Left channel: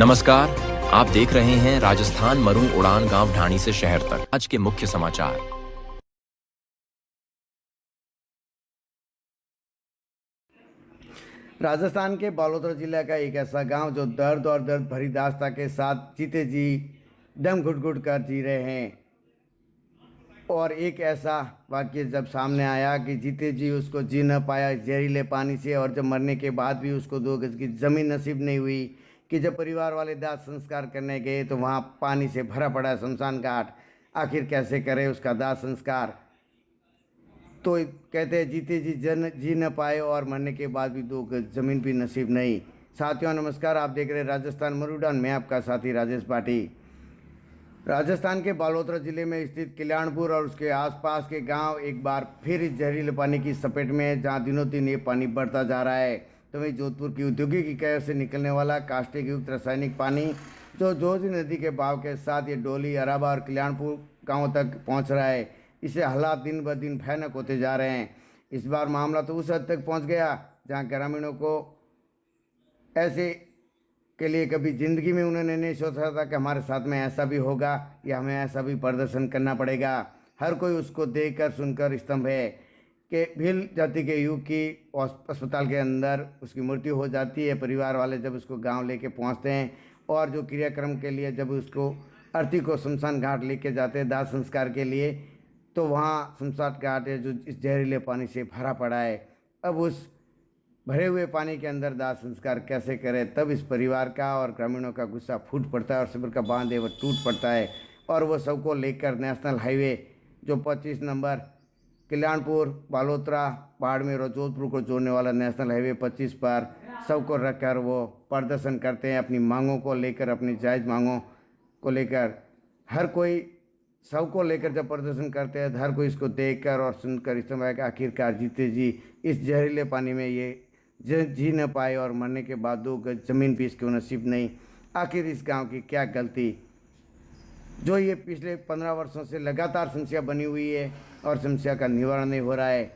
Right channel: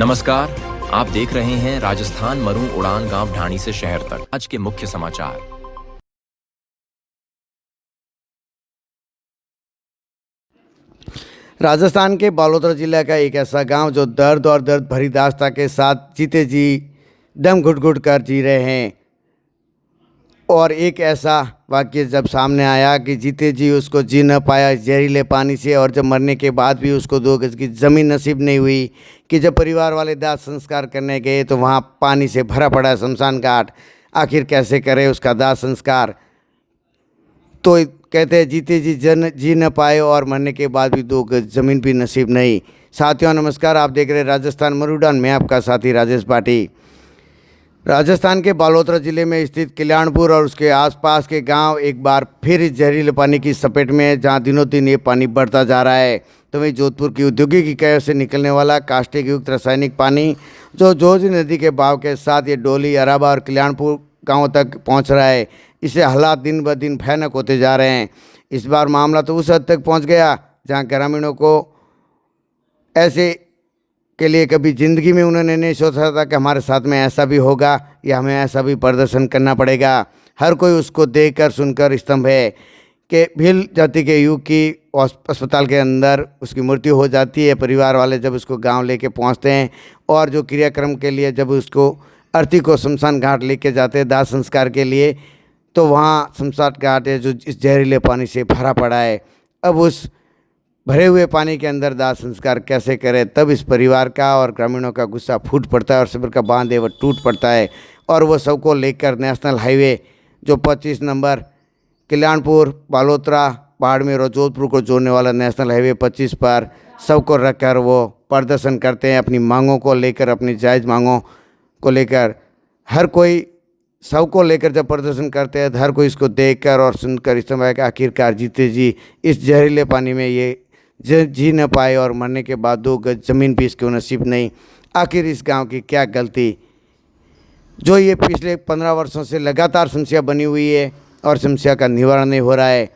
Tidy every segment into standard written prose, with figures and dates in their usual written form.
नमस्कार, आप देख रहे हैं राजस्थान मरू उड़ान गांव ढाणी से शहर तक। आज के मुख्य समाचार। राजस्थान के बालोतरा जिला का एक ऐसा गांव जो दर्द और दर्द भरी दास्ता के साथ जीते जी दम घुट घुट कर जी रहे हैं। और एक ऐसा वाक्य जब सामने आया कि जीते जी उसको जी न पाया जहरीले पानी से, और जब मरने के बाद भी उसको 2 गज की ज़मीन नसीब नहीं हुई, कि जब परिवार वाले दाह संस्कार करने गए तो वहाँ पानी से भरा पड़ा शमशान घाट। आखिर कैसे करे उसका दाह संस्कार। तो कहते हैं जीते जी जी न पाए और मरने के बाद भी 2 गज ज़मीन भी नसीब नहीं। साथियों नमस्कार, आप देख रहे हैं राजस्थान मरूडान। मैं आपका साथी राजेश पाठी। राजस्थान के बालोतरा जिले में स्थित कल्याणपुर और उसके आसपास के गांव एक बार फिर इस जहरीले पानी की चपेट में है, जहां दिनों दिन ये पानी बढ़ता जा रहा है। तो वहीं जोधपुर की औद्योगिक इकाइयों से निकलने वाला कास्टिक युक्त रासायनिक पानी जो जोजी नदी के बहाव के साथ ये डोली, अराबा और कल्याणपुर गाँव तक पहुँच रहा है। इससे हालात दिन ब दिन भयानक होते जा रहे हैं। इस बार मामला तो उस हद तक पहुँच गया जहाँ ग्रामीणों को ऐसे के लिए कभी ज़िंदगी में उन्होंने नहीं सोचा था कि हमारे साथ में ऐसा भी होगा या हमें ऐसा भी प्रदर्शन करना पड़ेगा। हर कोई उसको देखकर सुनकर स्तंभ है कि भील जाति के युग की अस्पताल के अंदर उसकी मृत्यु हो जाती है। परिवार वाले जब उसको गांव लेके पहुंचते हैं और जो क्रियाक्रम के लिए जब उसको अर्थी को शमशान घाट लेके जाते हैं दाह संस्कार के लिए, तो वहाँ शमशान घाट है जो इस जहरीले पानी से भरा पड़ा है। अब उस भरे हुए पानी के अंदर दाह संस्कार कैसे करें, तब इस परिवार का और ग्रामीणों का गुस्सा फूट पड़ता है और सब्र का बांध है वो टूट पड़ता है। और वो सबको लेकर नेशनल हाईवे जो 25 नंबर कल्याणपुर, बालोतरा, बाड़मेर और जोधपुर को जोड़ने वाला नेशनल हाईवे 25 पर सबको रखकर वो प्रदर्शन करते हैं अपनी मांगों को लेकर, अपनी जायज़ मांगों को लेकर। हर कोई सबको लेकर जब प्रदर्शन करते हैं, हर कोई इसको देखकर और सुनकर इस समय कि आखिरकार जीते जी इस जहरीले पानी में ये जी न पाए और मरने के बाद 2 गज ज़मीन भी इसको नसीब नहीं। आखिर इस गांव की क्या गलती जो ये पिछले 15 वर्षों से लगातार समस्या बनी हुई है और समस्या का निवारण नहीं हो रहा है।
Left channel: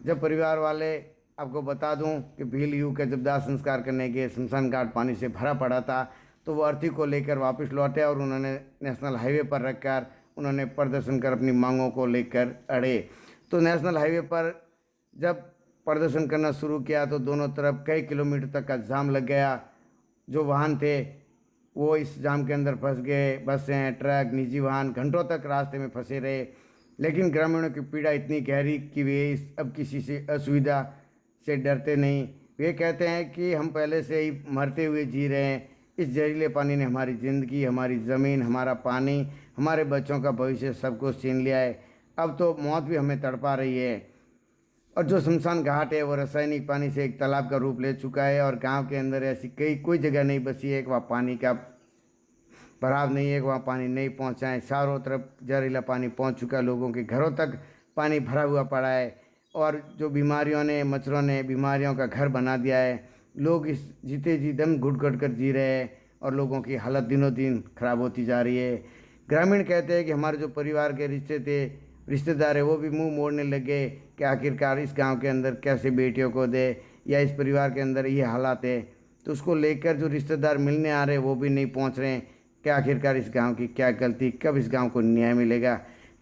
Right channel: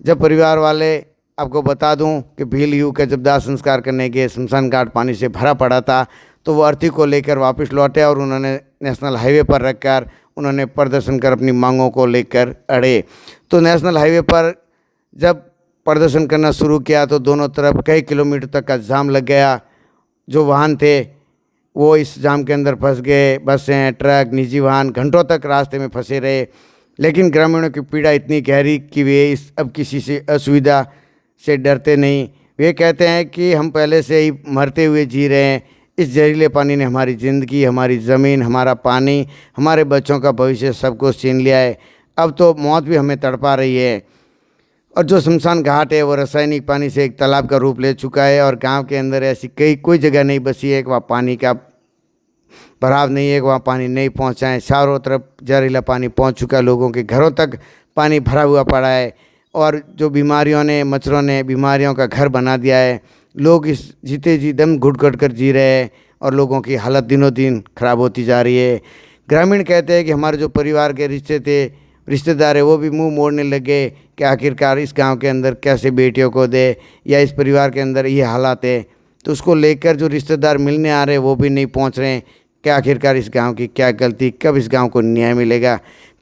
जब परिवार वाले, आपको बता दूं कि भील युग का जब दाह संस्कार करने गए, शमशान घाट पानी से भरा पड़ा था, तो वो अर्थी को लेकर वापस लौटे और उन्होंने नेशनल हाईवे पर रखकर उन्होंने प्रदर्शन कर अपनी मांगों को लेकर अड़े। तो नेशनल हाईवे पर जब प्रदर्शन करना शुरू किया तो दोनों तरफ कई किलोमीटर तक का जाम लग गया। जो वाहन थे वो इस जाम के अंदर फंस गए। बसें, ट्रक, निजी वाहन घंटों तक रास्ते में फंसे रहे। लेकिन ग्रामीणों की पीड़ा इतनी गहरी कि वे इस अब किसी से असुविधा से डरते नहीं। वे कहते हैं कि हम पहले से ही मरते हुए जी रहे हैं। इस जहरीले पानी ने हमारी ज़िंदगी, हमारी ज़मीन, हमारा पानी, हमारे बच्चों का भविष्य सबको छीन लिया है। अब तो मौत भी हमें तड़पा रही है। और जो शमशान घाट है वो रासायनिक पानी से एक तालाब का रूप ले चुका है और गांव के अंदर ऐसी कोई जगह नहीं बची है कि वहाँ पानी का भराव नहीं है, कि वहाँ पानी नहीं पहुँचा है। चारों तरफ जहरीला पानी पहुँच चुका है, लोगों के घरों तक पानी भरा हुआ पड़ा है। और जो बीमारियों ने, मच्छरों ने बीमारियों का घर बना दिया है। लोग इस जीते जी दम घुट घुट कर जी रहे हैं और लोगों की हालत दिनों दिन खराब होती जा रही है। ग्रामीण कहते हैं कि हमारे जो परिवार के रिश्तेदार है वो भी मुंह मोड़ने लगे कि आखिरकार इस गांव के अंदर कैसे बेटियों को दे, या इस परिवार के अंदर ये हालात है। तो उसको लेकर जो रिश्तेदार मिलने आ रहे हैं वो भी नहीं पहुंच रहे हैं कि आखिरकार इस गांव की क्या गलती, कब इस गांव को न्याय मिलेगा,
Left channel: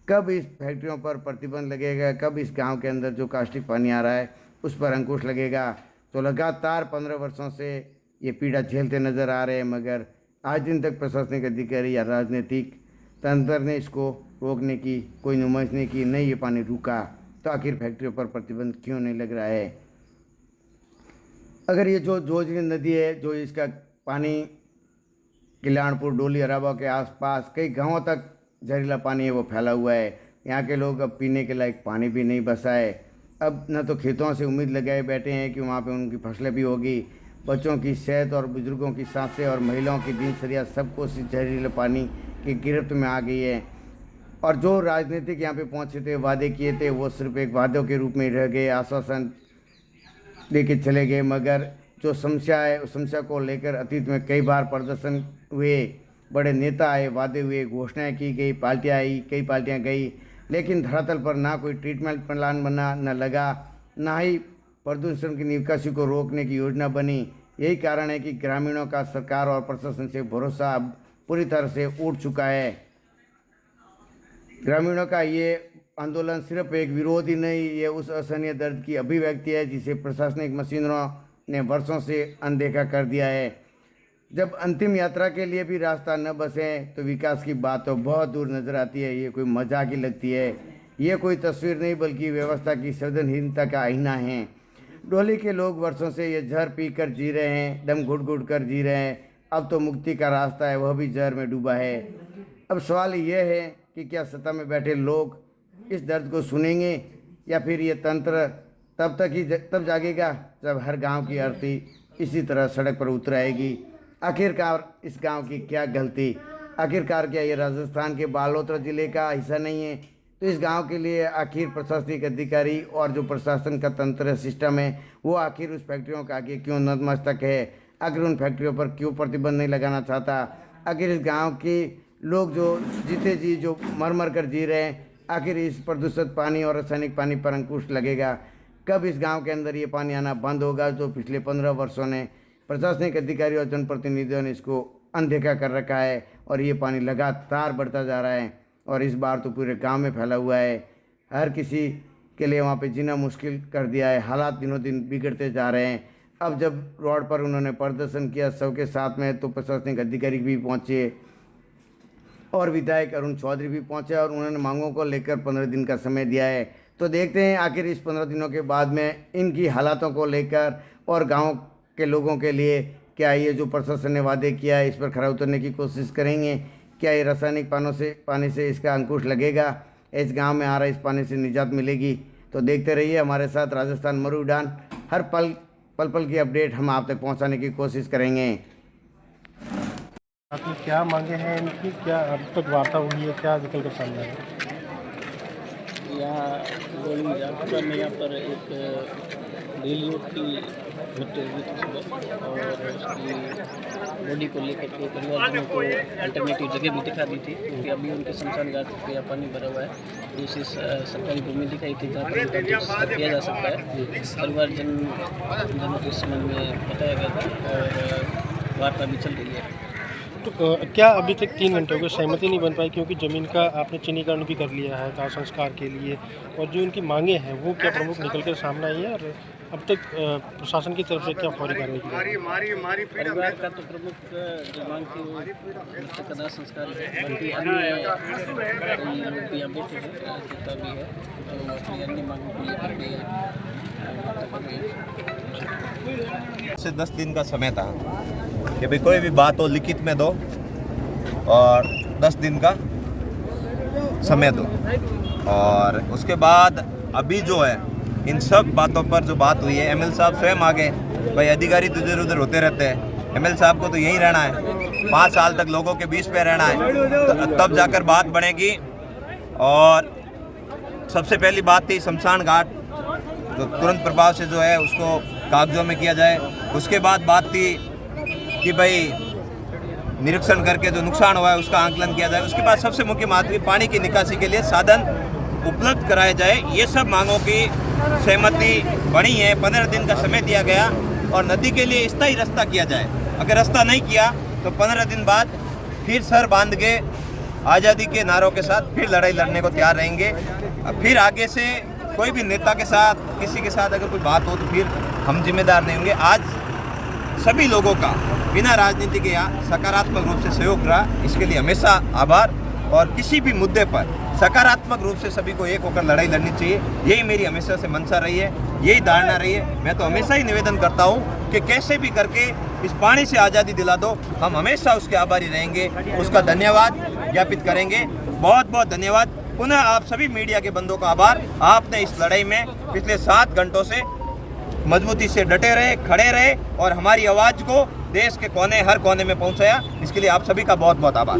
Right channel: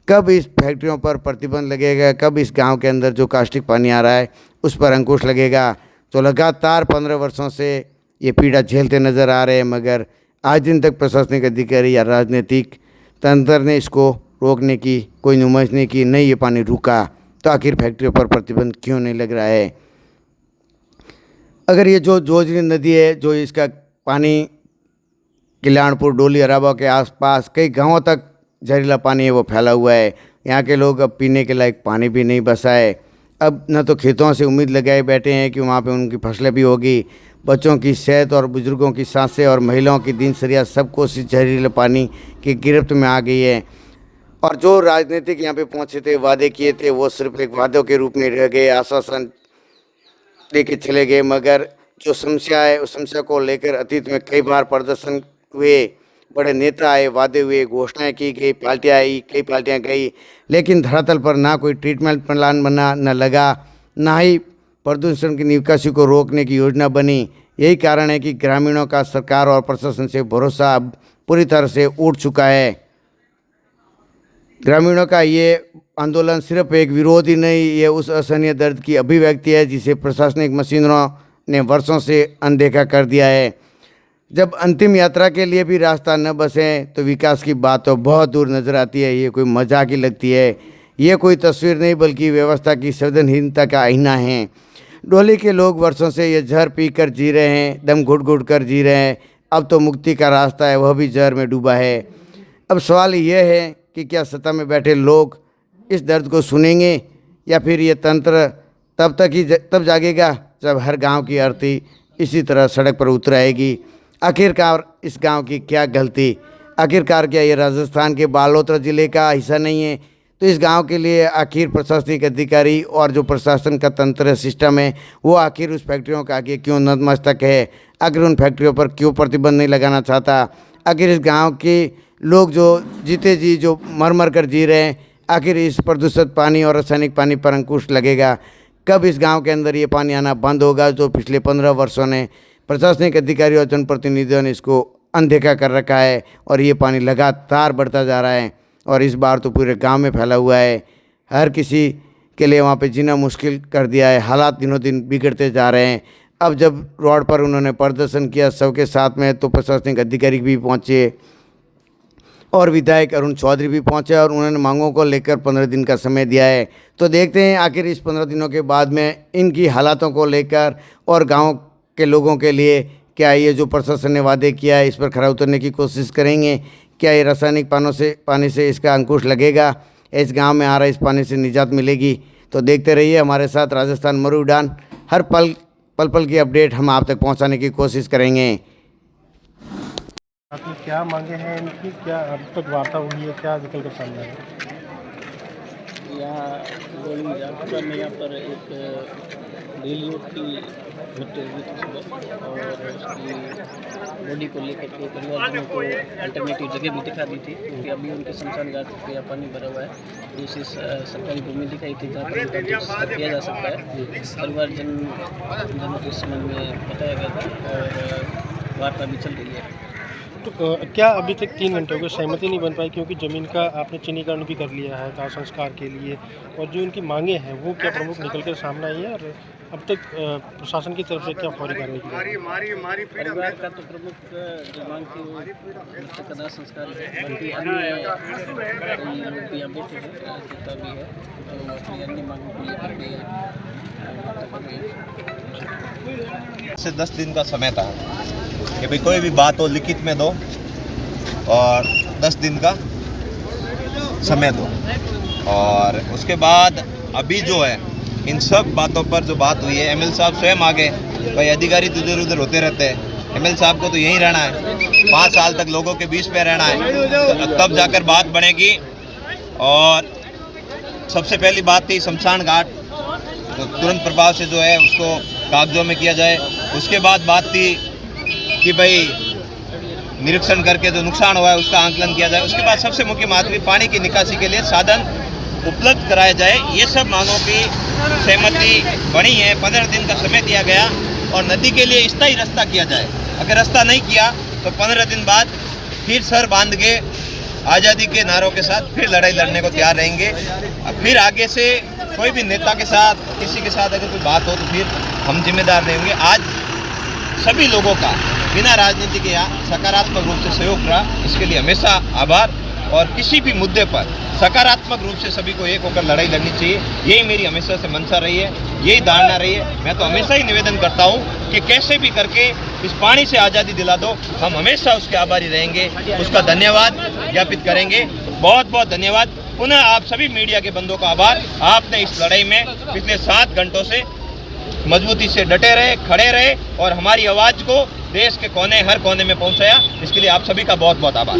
कब इस फैक्ट्रियों पर प्रतिबंध लगेगा, कब इस गाँव के अंदर जो कास्टिक पानी आ रहा है उस पर अंकुश लगेगा। तो लगातार 15 वर्षों से ये पीड़ा झेलते नज़र आ रहे हैं, मगर आज दिन तक प्रशासनिक अधिकारी या राजनीतिक तंत्र ने इसको रोकने की कोई नुमाइश नहीं की, नहीं ये पानी रुका। तो आखिर फैक्ट्रियों पर प्रतिबंध क्यों नहीं लग रहा है? अगर ये जो जोजनी नदी है, जो इसका पानी कल्याणपुर, डोली, अराबा के आसपास कई गांवों तक जहरीला पानी है वो फैला हुआ है। यहाँ के लोग अब पीने के लायक पानी भी नहीं बचा है। अब न तो खेतों से उम्मीद लगाए बैठे हैं कि वहाँ पे उनकी फसलें भी होगी, बच्चों की सेहत और बुजुर्गों की सांसें और महिलाओं की दिनचर्या सबको इस जहरीले पानी की गिरफ्त में आ गई है। और जो राजनीतिक यहाँ पे पहुँचे थे, वादे किए थे, वो सिर्फ एक वादों के रूप में रह गए, आश्वासन दे के चले गए। मगर जो समस्या है उस समस्या को लेकर अतीत में कई बार प्रदर्शन हुए, बड़े नेता आए, वादे हुए, घोषणाएं की गई, पार्टियाँ आई, कई पार्टियाँ गई, लेकिन धरातल पर ना कोई ट्रीटमेंट प्लान बना, न लगा, ना ही प्रदूषण की निकासी को रोकने की योजना बनी। यही कारण है कि ग्रामीणों का सरकार और प्रशासन से भरोसा अब पूरी तरह से उठ चुका है। ग्रामीणों का ये आंदोलन सिर्फ एक विरोध ही नहीं, ये उस असहनीय दर्द की अभिव्यक्ति है जिसे प्रशासनिक मशीनरों ने वर्षों से अनदेखा कर दिया है। जब अंतिम यात्रा के लिए भी रास्ता न बसे तो विकास की बात तो बहुत दूर नजर आती है। ये कोई मजाक ही लगती है। ये कोई तस्वीर नहीं बल्कि व्यवस्था की संवेदनहीनता का आईना है। डोली के लोग वर्षों से ये जहर पी कर जी रहे हैं, दम घुट घुट कर जी रहे हैं। अब तो मुक्ति का रास्ता है, वह भी जहर में डूबा है। अब सवाल यह है कि क्या सत्ता में बैठे लोग इस दर्द को सुनेंगे या फिर ये तंत्र तब जागेगा जब हर गांव की आरती इसी तरह सड़क पर उतर आएगी। आखिरकार इस गांव की क्या गलती? आखिरकार क्या ये राजस्थान के बालोतरा ज़िले का हिस्सा नहीं है? तो इस गांव के लिए आखिर प्रशासनिक अधिकारी और जो प्रशासन का तंत्र सिस्टम है वो आखिर उस फैक्ट्रियों का आगे क्यों नतमस्तक है? आखिर उन फैक्ट्रियों पर क्यों प्रतिबंध नहीं लगाना चाहता? आखिर इस गांव के लोग जो जीते जी जो मर मर कर जी रहे हैं, आखिर इस प्रदूषित पानी और रासायनिक पानी पर अंकुश लगेगा? कब इस गांव के अंदर ये पानी आना बंद होगा जो पिछले 15 वर्षों ने प्रशासनिक अधिकारियों और जनप्रतिनिधियों ने इसको अनदेखा कर रखा है और ये पानी लगातार बढ़ता जा रहा है और इस बार तो पूरे गांव में फैला हुआ है। हर किसी के लिए वहाँ पे जीना मुश्किल कर दिया है। हालात दिनों दिन बिगड़ते जा रहे हैं। अब जब रोड पर उन्होंने प्रदर्शन किया सबके साथ में तो प्रशासनिक अधिकारी भी पहुँचे और विधायक अरुण चौधरी भी पहुंचे और उन्होंने मांगों को लेकर 15 दिन का समय दिया है। तो देखते हैं आखिर इस 15 दिनों के बाद में इनकी हालातों को लेकर और गांव के लोगों के लिए क्या ये जो प्रशासन ने वादे किया है इस पर खरा उतरने की कोशिश करेंगे? क्या ये रासायनिक पानी से इसका अंकुश लगेगा? इस गांव में आ रहा इस पानी से निजात मिलेगी? तो देखते रहिए हमारे साथ राजस्थान मरु उड़ान। हर पल की अपडेट हम आप तक पहुँचाने की कोशिश करेंगे। आपकी क्या मांगे हैं इनकी, क्या अब तक वार्ता हुई है, क्या निकल कर सामने आया? यहाँ गोली जागरूकता में यहाँ पर एक रेली की मृत्यु हुई थी सुबह और उसकी बॉडी को लेकर के परिवारजनों को अल्टरनेटिव जगह भी दिखा दी थी क्योंकि अभी उनके शमशान घाट पे यहाँ पानी भरा हुआ है। दूसरी सरकारी भूमि दिखाई थी जहाँ पर उनका किया जा सकता है। परिवारजनों के संबंध में बताया गया था और वार्ता भी चल रही है। तो क्या अभी तक 3 घंटे हो गए सहमति नहीं बन पाई क्योंकि ज़मीन का आपने चिन्हीकरण भी कर लिया है दाह संस्कार के लिए, और जो उनकी मांगे हैं वो क्या प्रमुख निकल कर सामने आई है और अब तक प्रशासन की तरफ से क्या फौरी कार्रवाई की गई? परिवार का तो प्रमुख जो मांग थी वो मृतक का दाह संस्कार है। बाकी अन्य कई लोग भी यहाँ बैठे हैं, राजनेता भी है जो अपनी अन्य मांगों को लेकर के से 10 दिन का समय था कि भाई कोई भी बात हो लिखित में दो और 10 दिन का समय दो, और उसके बाद अभी जो है इन सब बातों पर जो बात हुई है एमएल साहब स्वयं आगे, भाई अधिकारी तो इधर उधर होते रहते हैं, एमएल साहब को तो यहीं रहना है, 5 साल तक लोगों के बीच में रहना है, तो तब जाकर बात बनेगी। और सबसे पहली बात थी शमशान घाट, तो तुरंत प्रभाव से जो है उसको कागजों में किया जाए। उसके बाद बात थी कि भाई निरीक्षण करके जो नुकसान हुआ है उसका आंकलन किया जाए। उसके बाद सबसे मुख्य बात हुई पानी की निकासी के लिए साधन उपलब्ध कराया जाए। ये सब मांगों की सहमति बनी है। 15 दिन का समय दिया गया और नदी के लिए स्थायी रास्ता किया जाए। अगर रास्ता नहीं किया तो 15 दिन बाद फिर सर बांध के आज़ादी के नारों के साथ फिर लड़ाई लड़ने को तैयार रहेंगे। फिर आगे से कोई भी नेता के साथ किसी के साथ अगर कोई बात हो तो फिर हम जिम्मेदार नहीं होंगे। आज सभी लोगों का बिना राजनीति के यहाँ सकारात्मक रूप से सहयोग रहा, इसके लिए हमेशा आभार। और किसी भी मुद्दे पर सकारात्मक रूप से सभी को एक होकर लड़ाई लड़नी चाहिए, यही मेरी हमेशा से मंशा रही है, यही धारणा रही है। मैं तो हमेशा ही निवेदन करता हूँ कि कैसे भी करके इस पानी से आज़ादी दिला दो, हम हमेशा उसके आभारी रहेंगे, उसका धन्यवाद ज्ञापित करेंगे। बहुत बहुत धन्यवाद। पुनः आप सभी मीडिया के बंधुओं का आभार। आपने इस लड़ाई में पिछले 7 घंटों से मजबूती से डटे रहे, खड़े रहे और हमारी आवाज़ को देश के कोने हर कोने में पहुंचाया। इसके लिए आप सभी का बहुत बहुत आभार।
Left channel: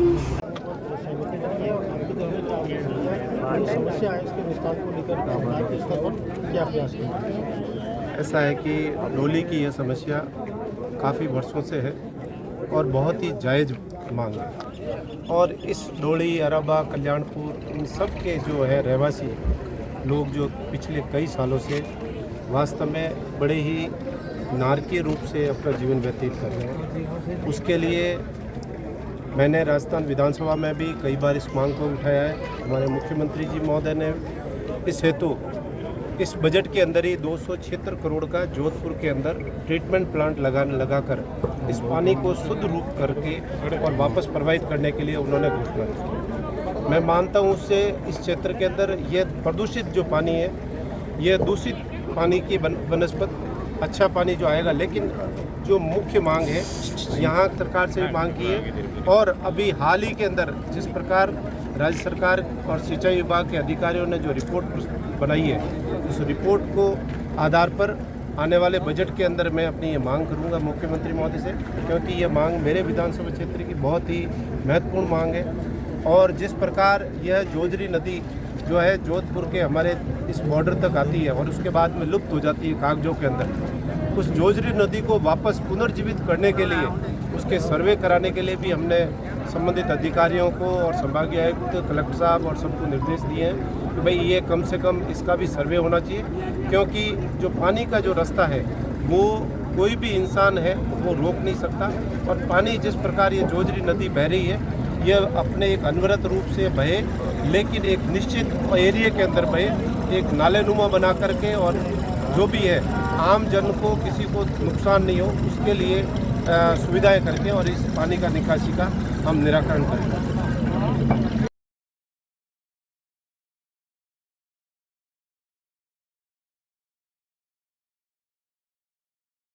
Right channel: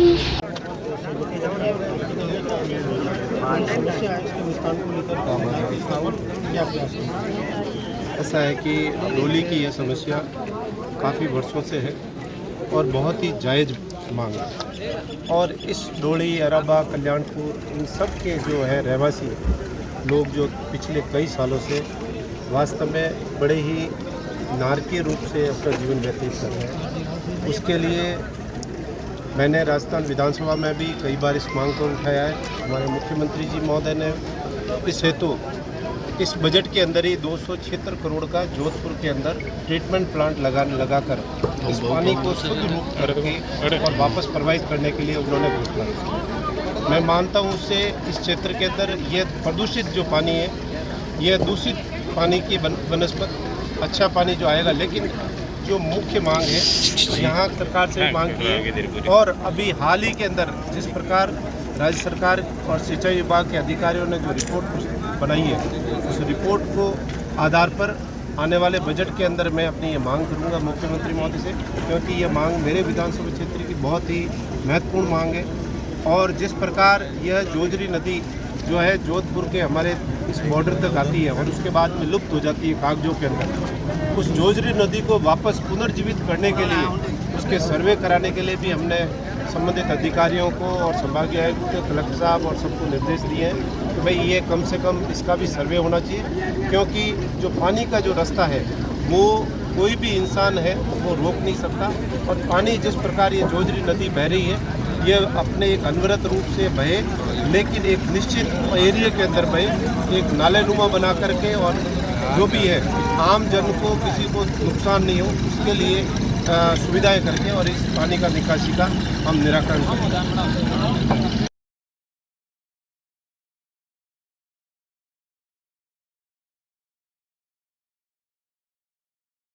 ऐसा है कि डोली की यह समस्या काफ़ी वर्षों से है और बहुत ही जायज़ मांग है, और इस डोली, अराबा, कल्याणपुर, इन सब के जो है रहवासी लोग जो पिछले कई सालों से वास्तव में बड़े ही नारकीय रूप से अपना जीवन व्यतीत कर रहे हैं। उसके लिए मैंने राजस्थान विधानसभा में भी कई बार इस मांग को उठाया है। हमारे मुख्यमंत्री जी महोदय ने इस हेतु इस बजट के अंदर ही 276 करोड़ का जोधपुर के अंदर ट्रीटमेंट प्लांट लगाकर इस पानी को शुद्ध रूप करके और वापस प्रवाहित करने के लिए उन्होंने घोषणा की। मैं मानता हूँ उससे इस क्षेत्र के अंदर ये प्रदूषित जो पानी है, यह दूषित पानी की बनस्पत अच्छा पानी जो आएगा, लेकिन जो मुख्य मांग है यहाँ सरकार से मांग की है। और अभी हाल ही के अंदर जिस प्रकार राज्य सरकार और सिंचाई विभाग के अधिकारियों ने जो रिपोर्ट बनाई है, उस रिपोर्ट को आधार पर आने वाले बजट के अंदर मैं अपनी ये मांग करूंगा मुख्यमंत्री महोदय से, क्योंकि ये मांग मेरे विधानसभा क्षेत्र की बहुत ही महत्वपूर्ण मांग है। और जिस प्रकार यह जोजरी नदी जो है जोधपुर के हमारे इस बॉर्डर तक आती है और उसके बाद में लुप्त हो जाती है कागजों के अंदर, उस जोजरी नदी को वापस पुनर्जीवित करने के लिए उसके सर्वे कराने के लिए भी हमने संबंधित अधिकारियों को और संभागीय आयुक्त, कलेक्टर साहब और सबको निर्देश दिए हैं कि भाई ये कम से कम इसका भी सर्वे होना चाहिए, क्योंकि जो पानी का जो रास्ता है वो कोई भी इंसान है वो रोक नहीं सकता। और पानी जिस प्रकार ये जोजरी नदी बह रही है, ये अपने एक अनवरत रूप से बहे, लेकिन एक निश्चित एरिया के अंदर बहे, एक नालेनुमा बना करके, और जो भी है आम जन को किसी को नुकसान नहीं हो उसके लिए सुविधाएं करके और इस पानी का निकासी का हम निराकरण करेंगे।